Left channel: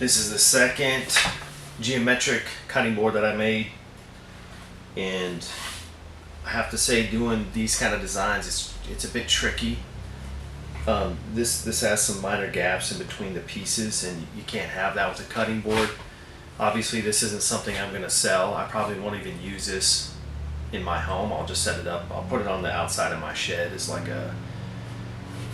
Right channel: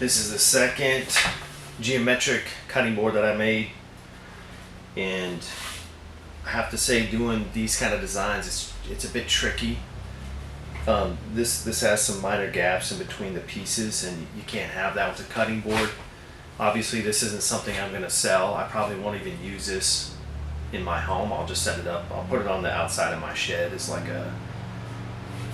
This is the second geometric cutting board that I made, and I have to say, doing these kind of designs, it's a bit tricky. This has some minor gaps in between the pieces, and you can't have that with a cutting board. Obviously, this isn't something I'm going to sell. I probably won't even use this in my home. I'll just set it up. I'll put it on the outside of my shed as like a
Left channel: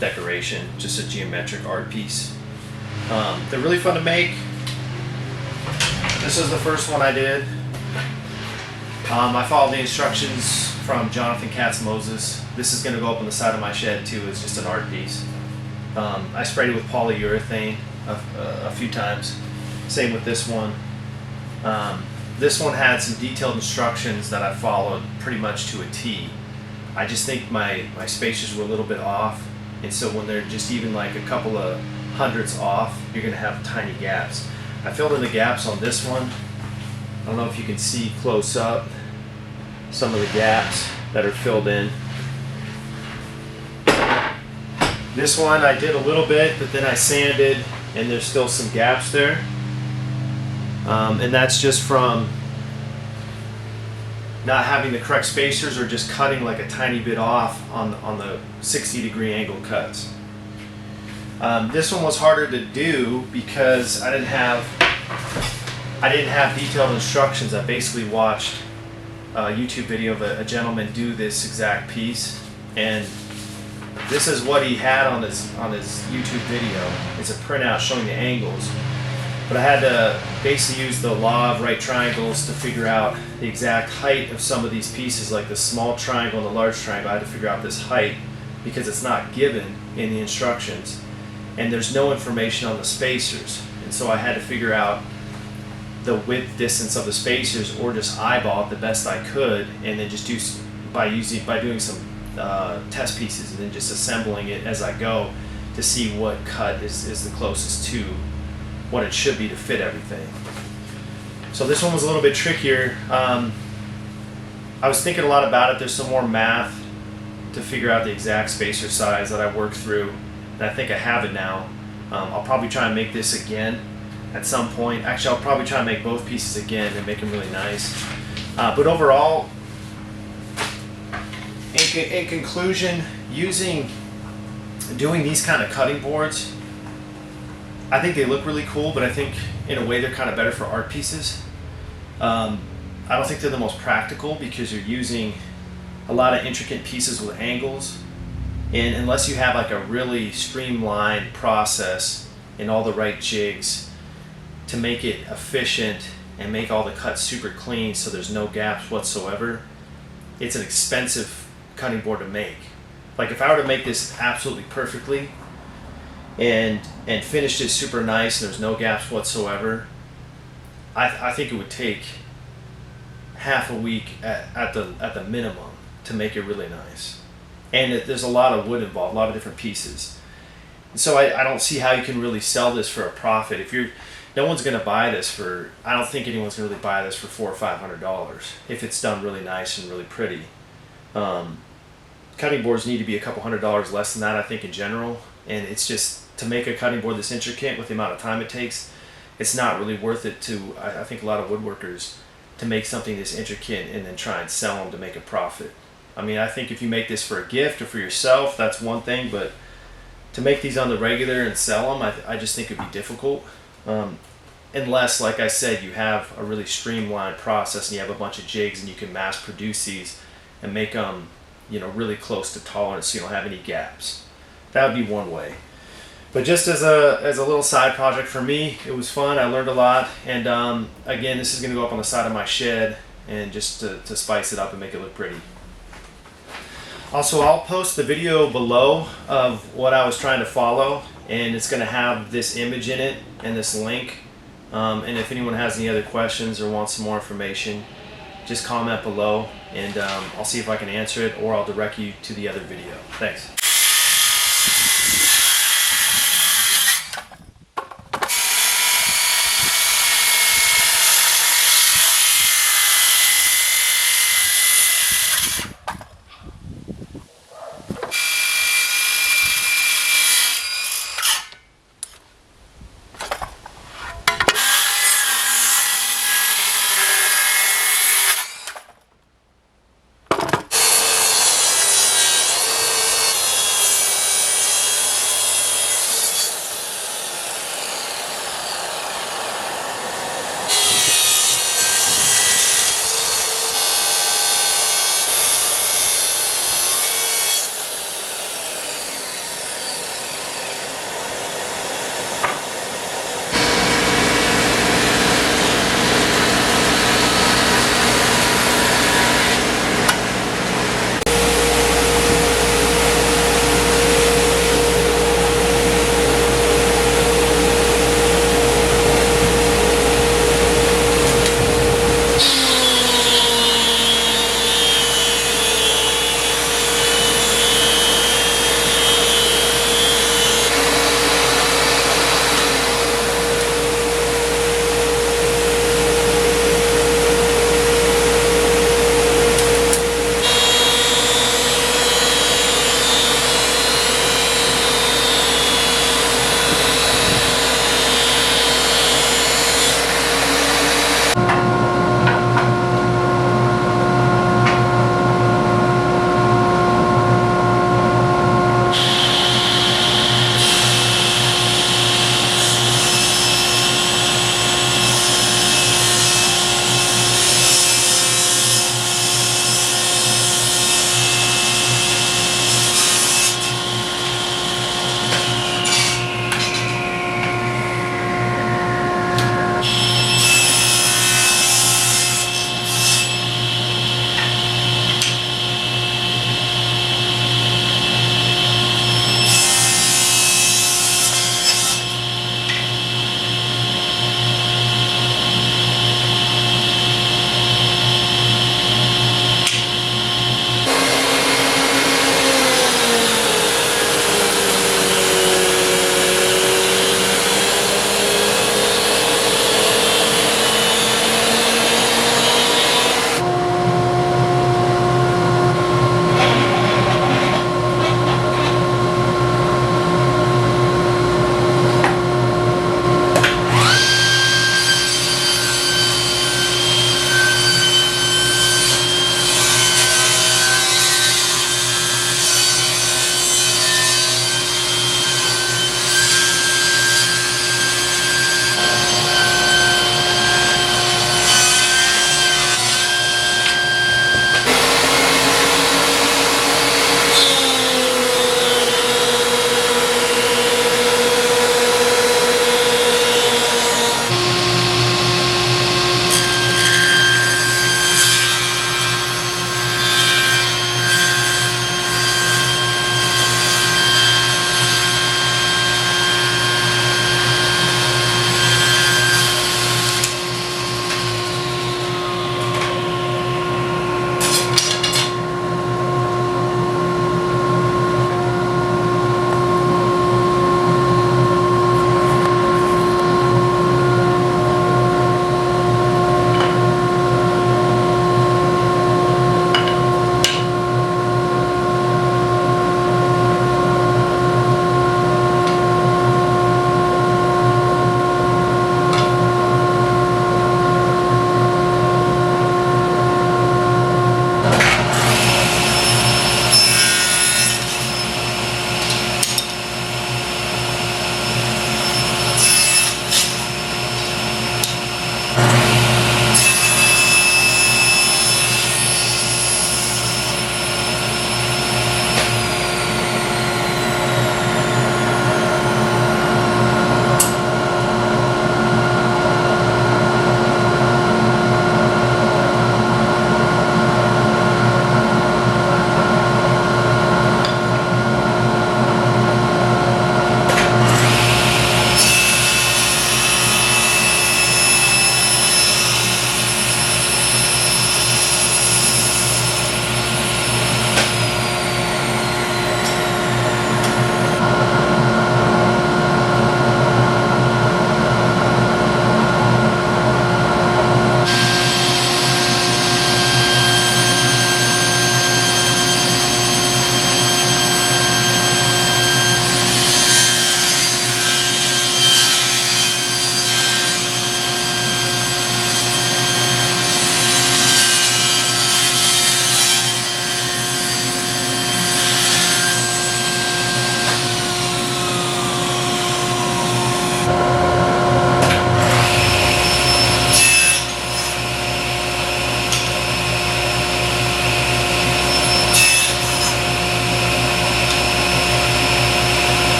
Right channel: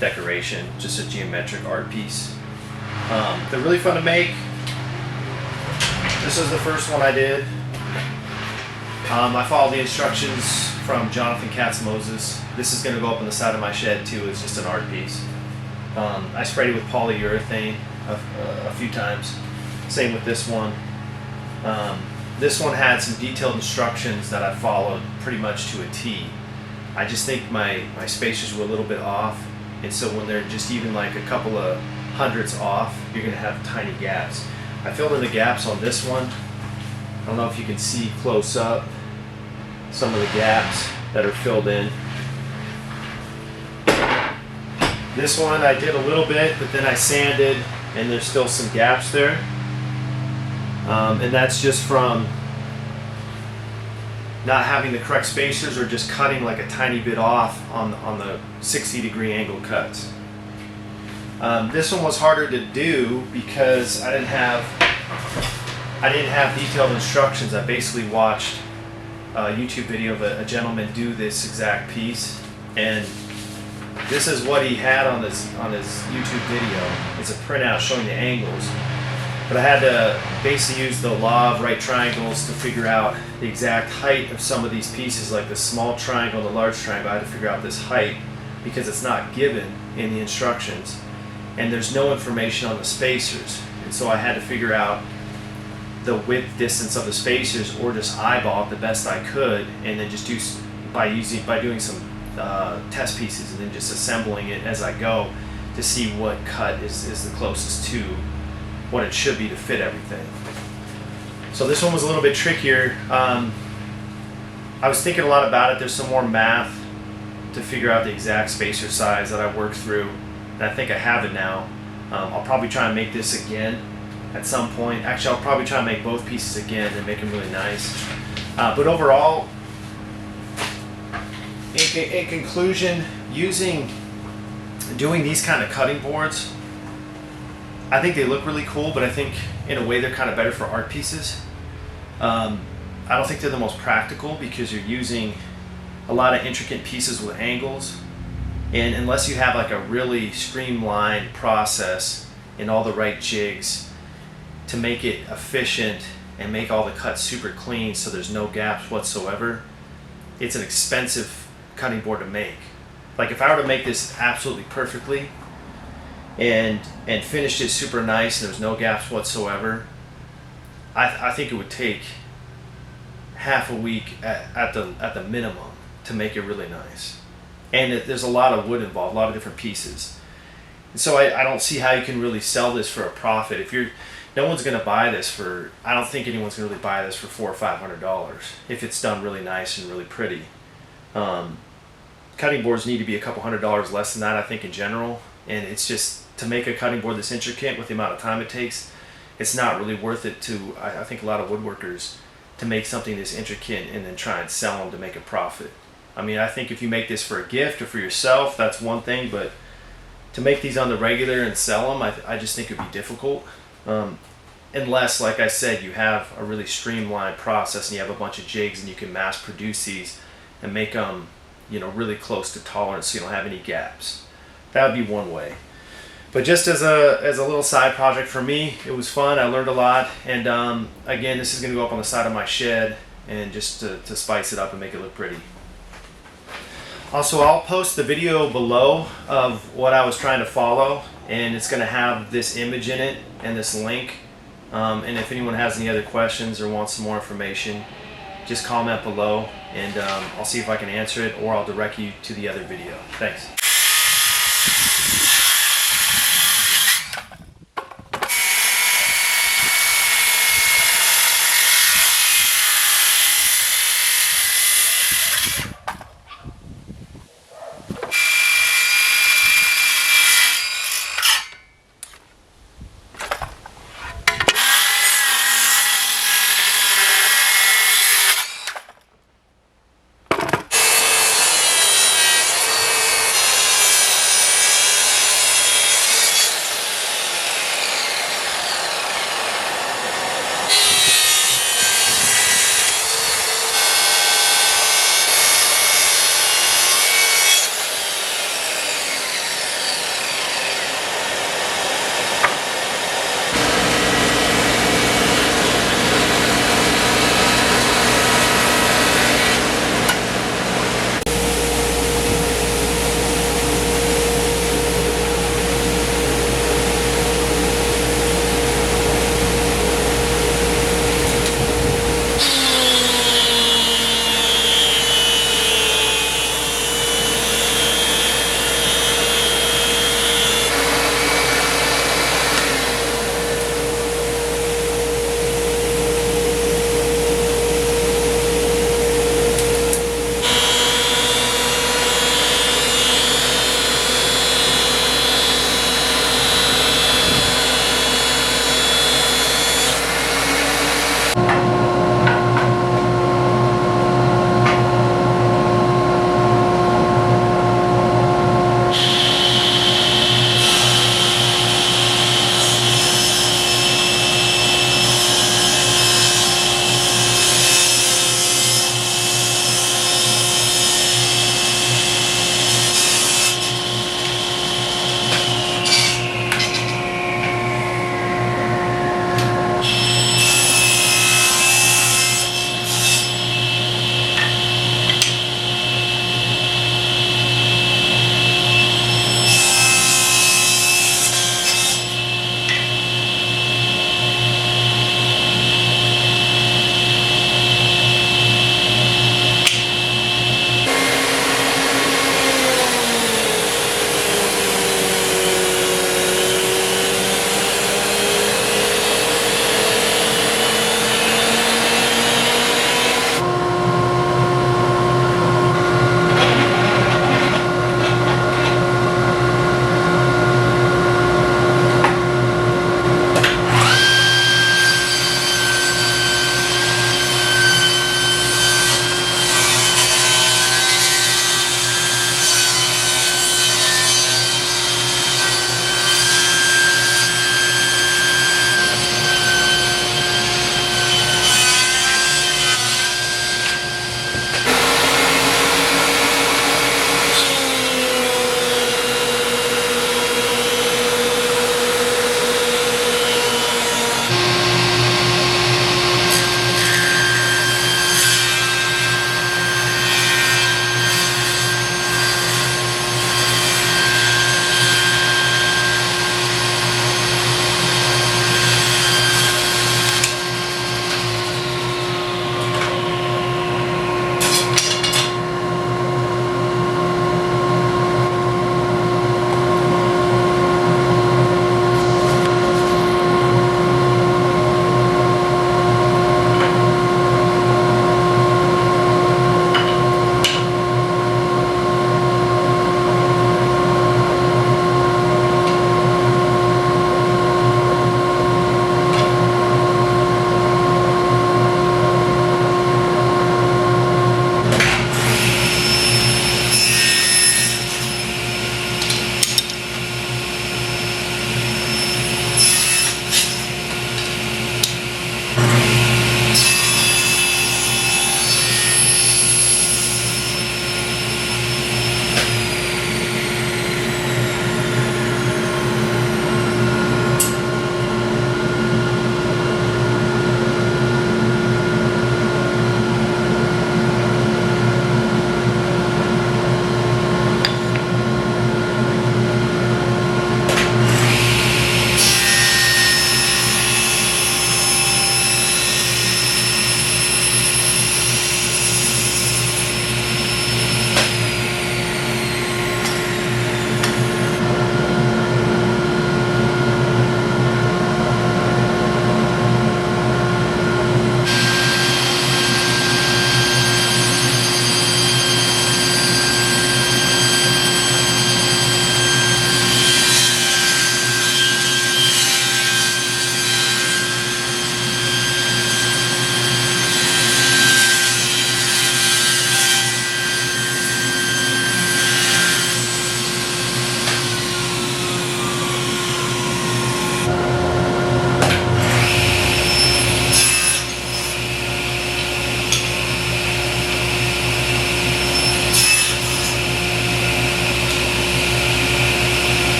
decoration, just a geometric art piece. They're really fun to make. This is the first one I did. I followed the instructions from Jonathan Katz-Moses. This is going to go up on the side of my shed too. It's just an art piece. I sprayed it with polyurethane a few times. Same with this one. This one had some detailed instructions that I followed pretty much to a T. I just think my spacers were a little bit off, and so when they're just even like a couple of hundredths off, you're going to have tiny gaps. I filled in the gaps on this one. I don't know if you can see close up some of the gaps that are filled in. This one I did a little bit, but then I sanded, and there's still some gaps there. And that's just from not having the correct spacers or just cutting like a tiny bit off on the 60-degree angle cuts. This one was harder to do because I didn't have detailed instructions. I basically watched a YouTube video of a gentleman do this exact piece, and this is what he had on his YouTube video. It's a printout showing the angles, but I had to basically use the law of right triangles to figure out the exact height of some of these pieces, like the small triangle and the large triangle. I had to figure out this height because it's not given in the instructions, and there's no information on the spacers, and so I had to figure out the width distance of the spacers, or just eyeball it the best I could, and then just by doing some test pieces, and then just assembling it as I go to see what cut is the closest to what it should be to fit everything. So this one was a little bit trickier. I was thinking a lot about it. There's some more math to figure out the exact spacer size that I worked through, and I think I have it now. I'll probably try and make this again at some point. Actually, I'll probably try and make both pieces again and make them really nice. But overall, in conclusion, doing these kind of cutting boards, I think they look really cool, but I think in a way they're kind of better for art pieces. I don't think they're the most practical because you're using a lot of intricate pieces with angles, and unless you have like a really streamlined process and all the right jigs to make it efficient and make all the cuts super clean so there's no gaps whatsoever, it's an expensive cutting board to make. Like if I were to make this absolutely perfectly and finished it super nice and there's no gaps whatsoever, I think it would take half a week at the minimum to make it really nice. And there's a lot of wood involved, a lot of different pieces. And so I don't see how you can really sell this for a profit. No one's going to buy this for, I don't think anyone's going to really buy this for $400 or $500 if it's done really nice and really pretty. Cutting boards need to be a couple $100 less than that, I think, in general. And it's just, to make a cutting board this intricate with the amount of time it takes, it's not really worth it to, I think, a lot of woodworkers to make something this intricate and then try and sell them to make a profit. I mean, I think if you make this for a gift or for yourself, that's one thing, but to make these on the regular and sell them, I just think it'd be difficult. Unless, like I said, you have a really streamlined process and you have a bunch of jigs and you can mass produce these and make them, really close to tolerance so you don't have any gaps. That would be one way. But just as a little side project for me, it was fun. I learned a lot, and again, this is going to go up on the side of my shed, and just to spice it up and make it look pretty. Also, I'll post the video below of what I was trying to follow, and it's going to have this image in it and this link. And if anyone has any other questions or wants some more information, just comment below, and I'll see if I can answer it, or I'll direct you to the other video. Thanks.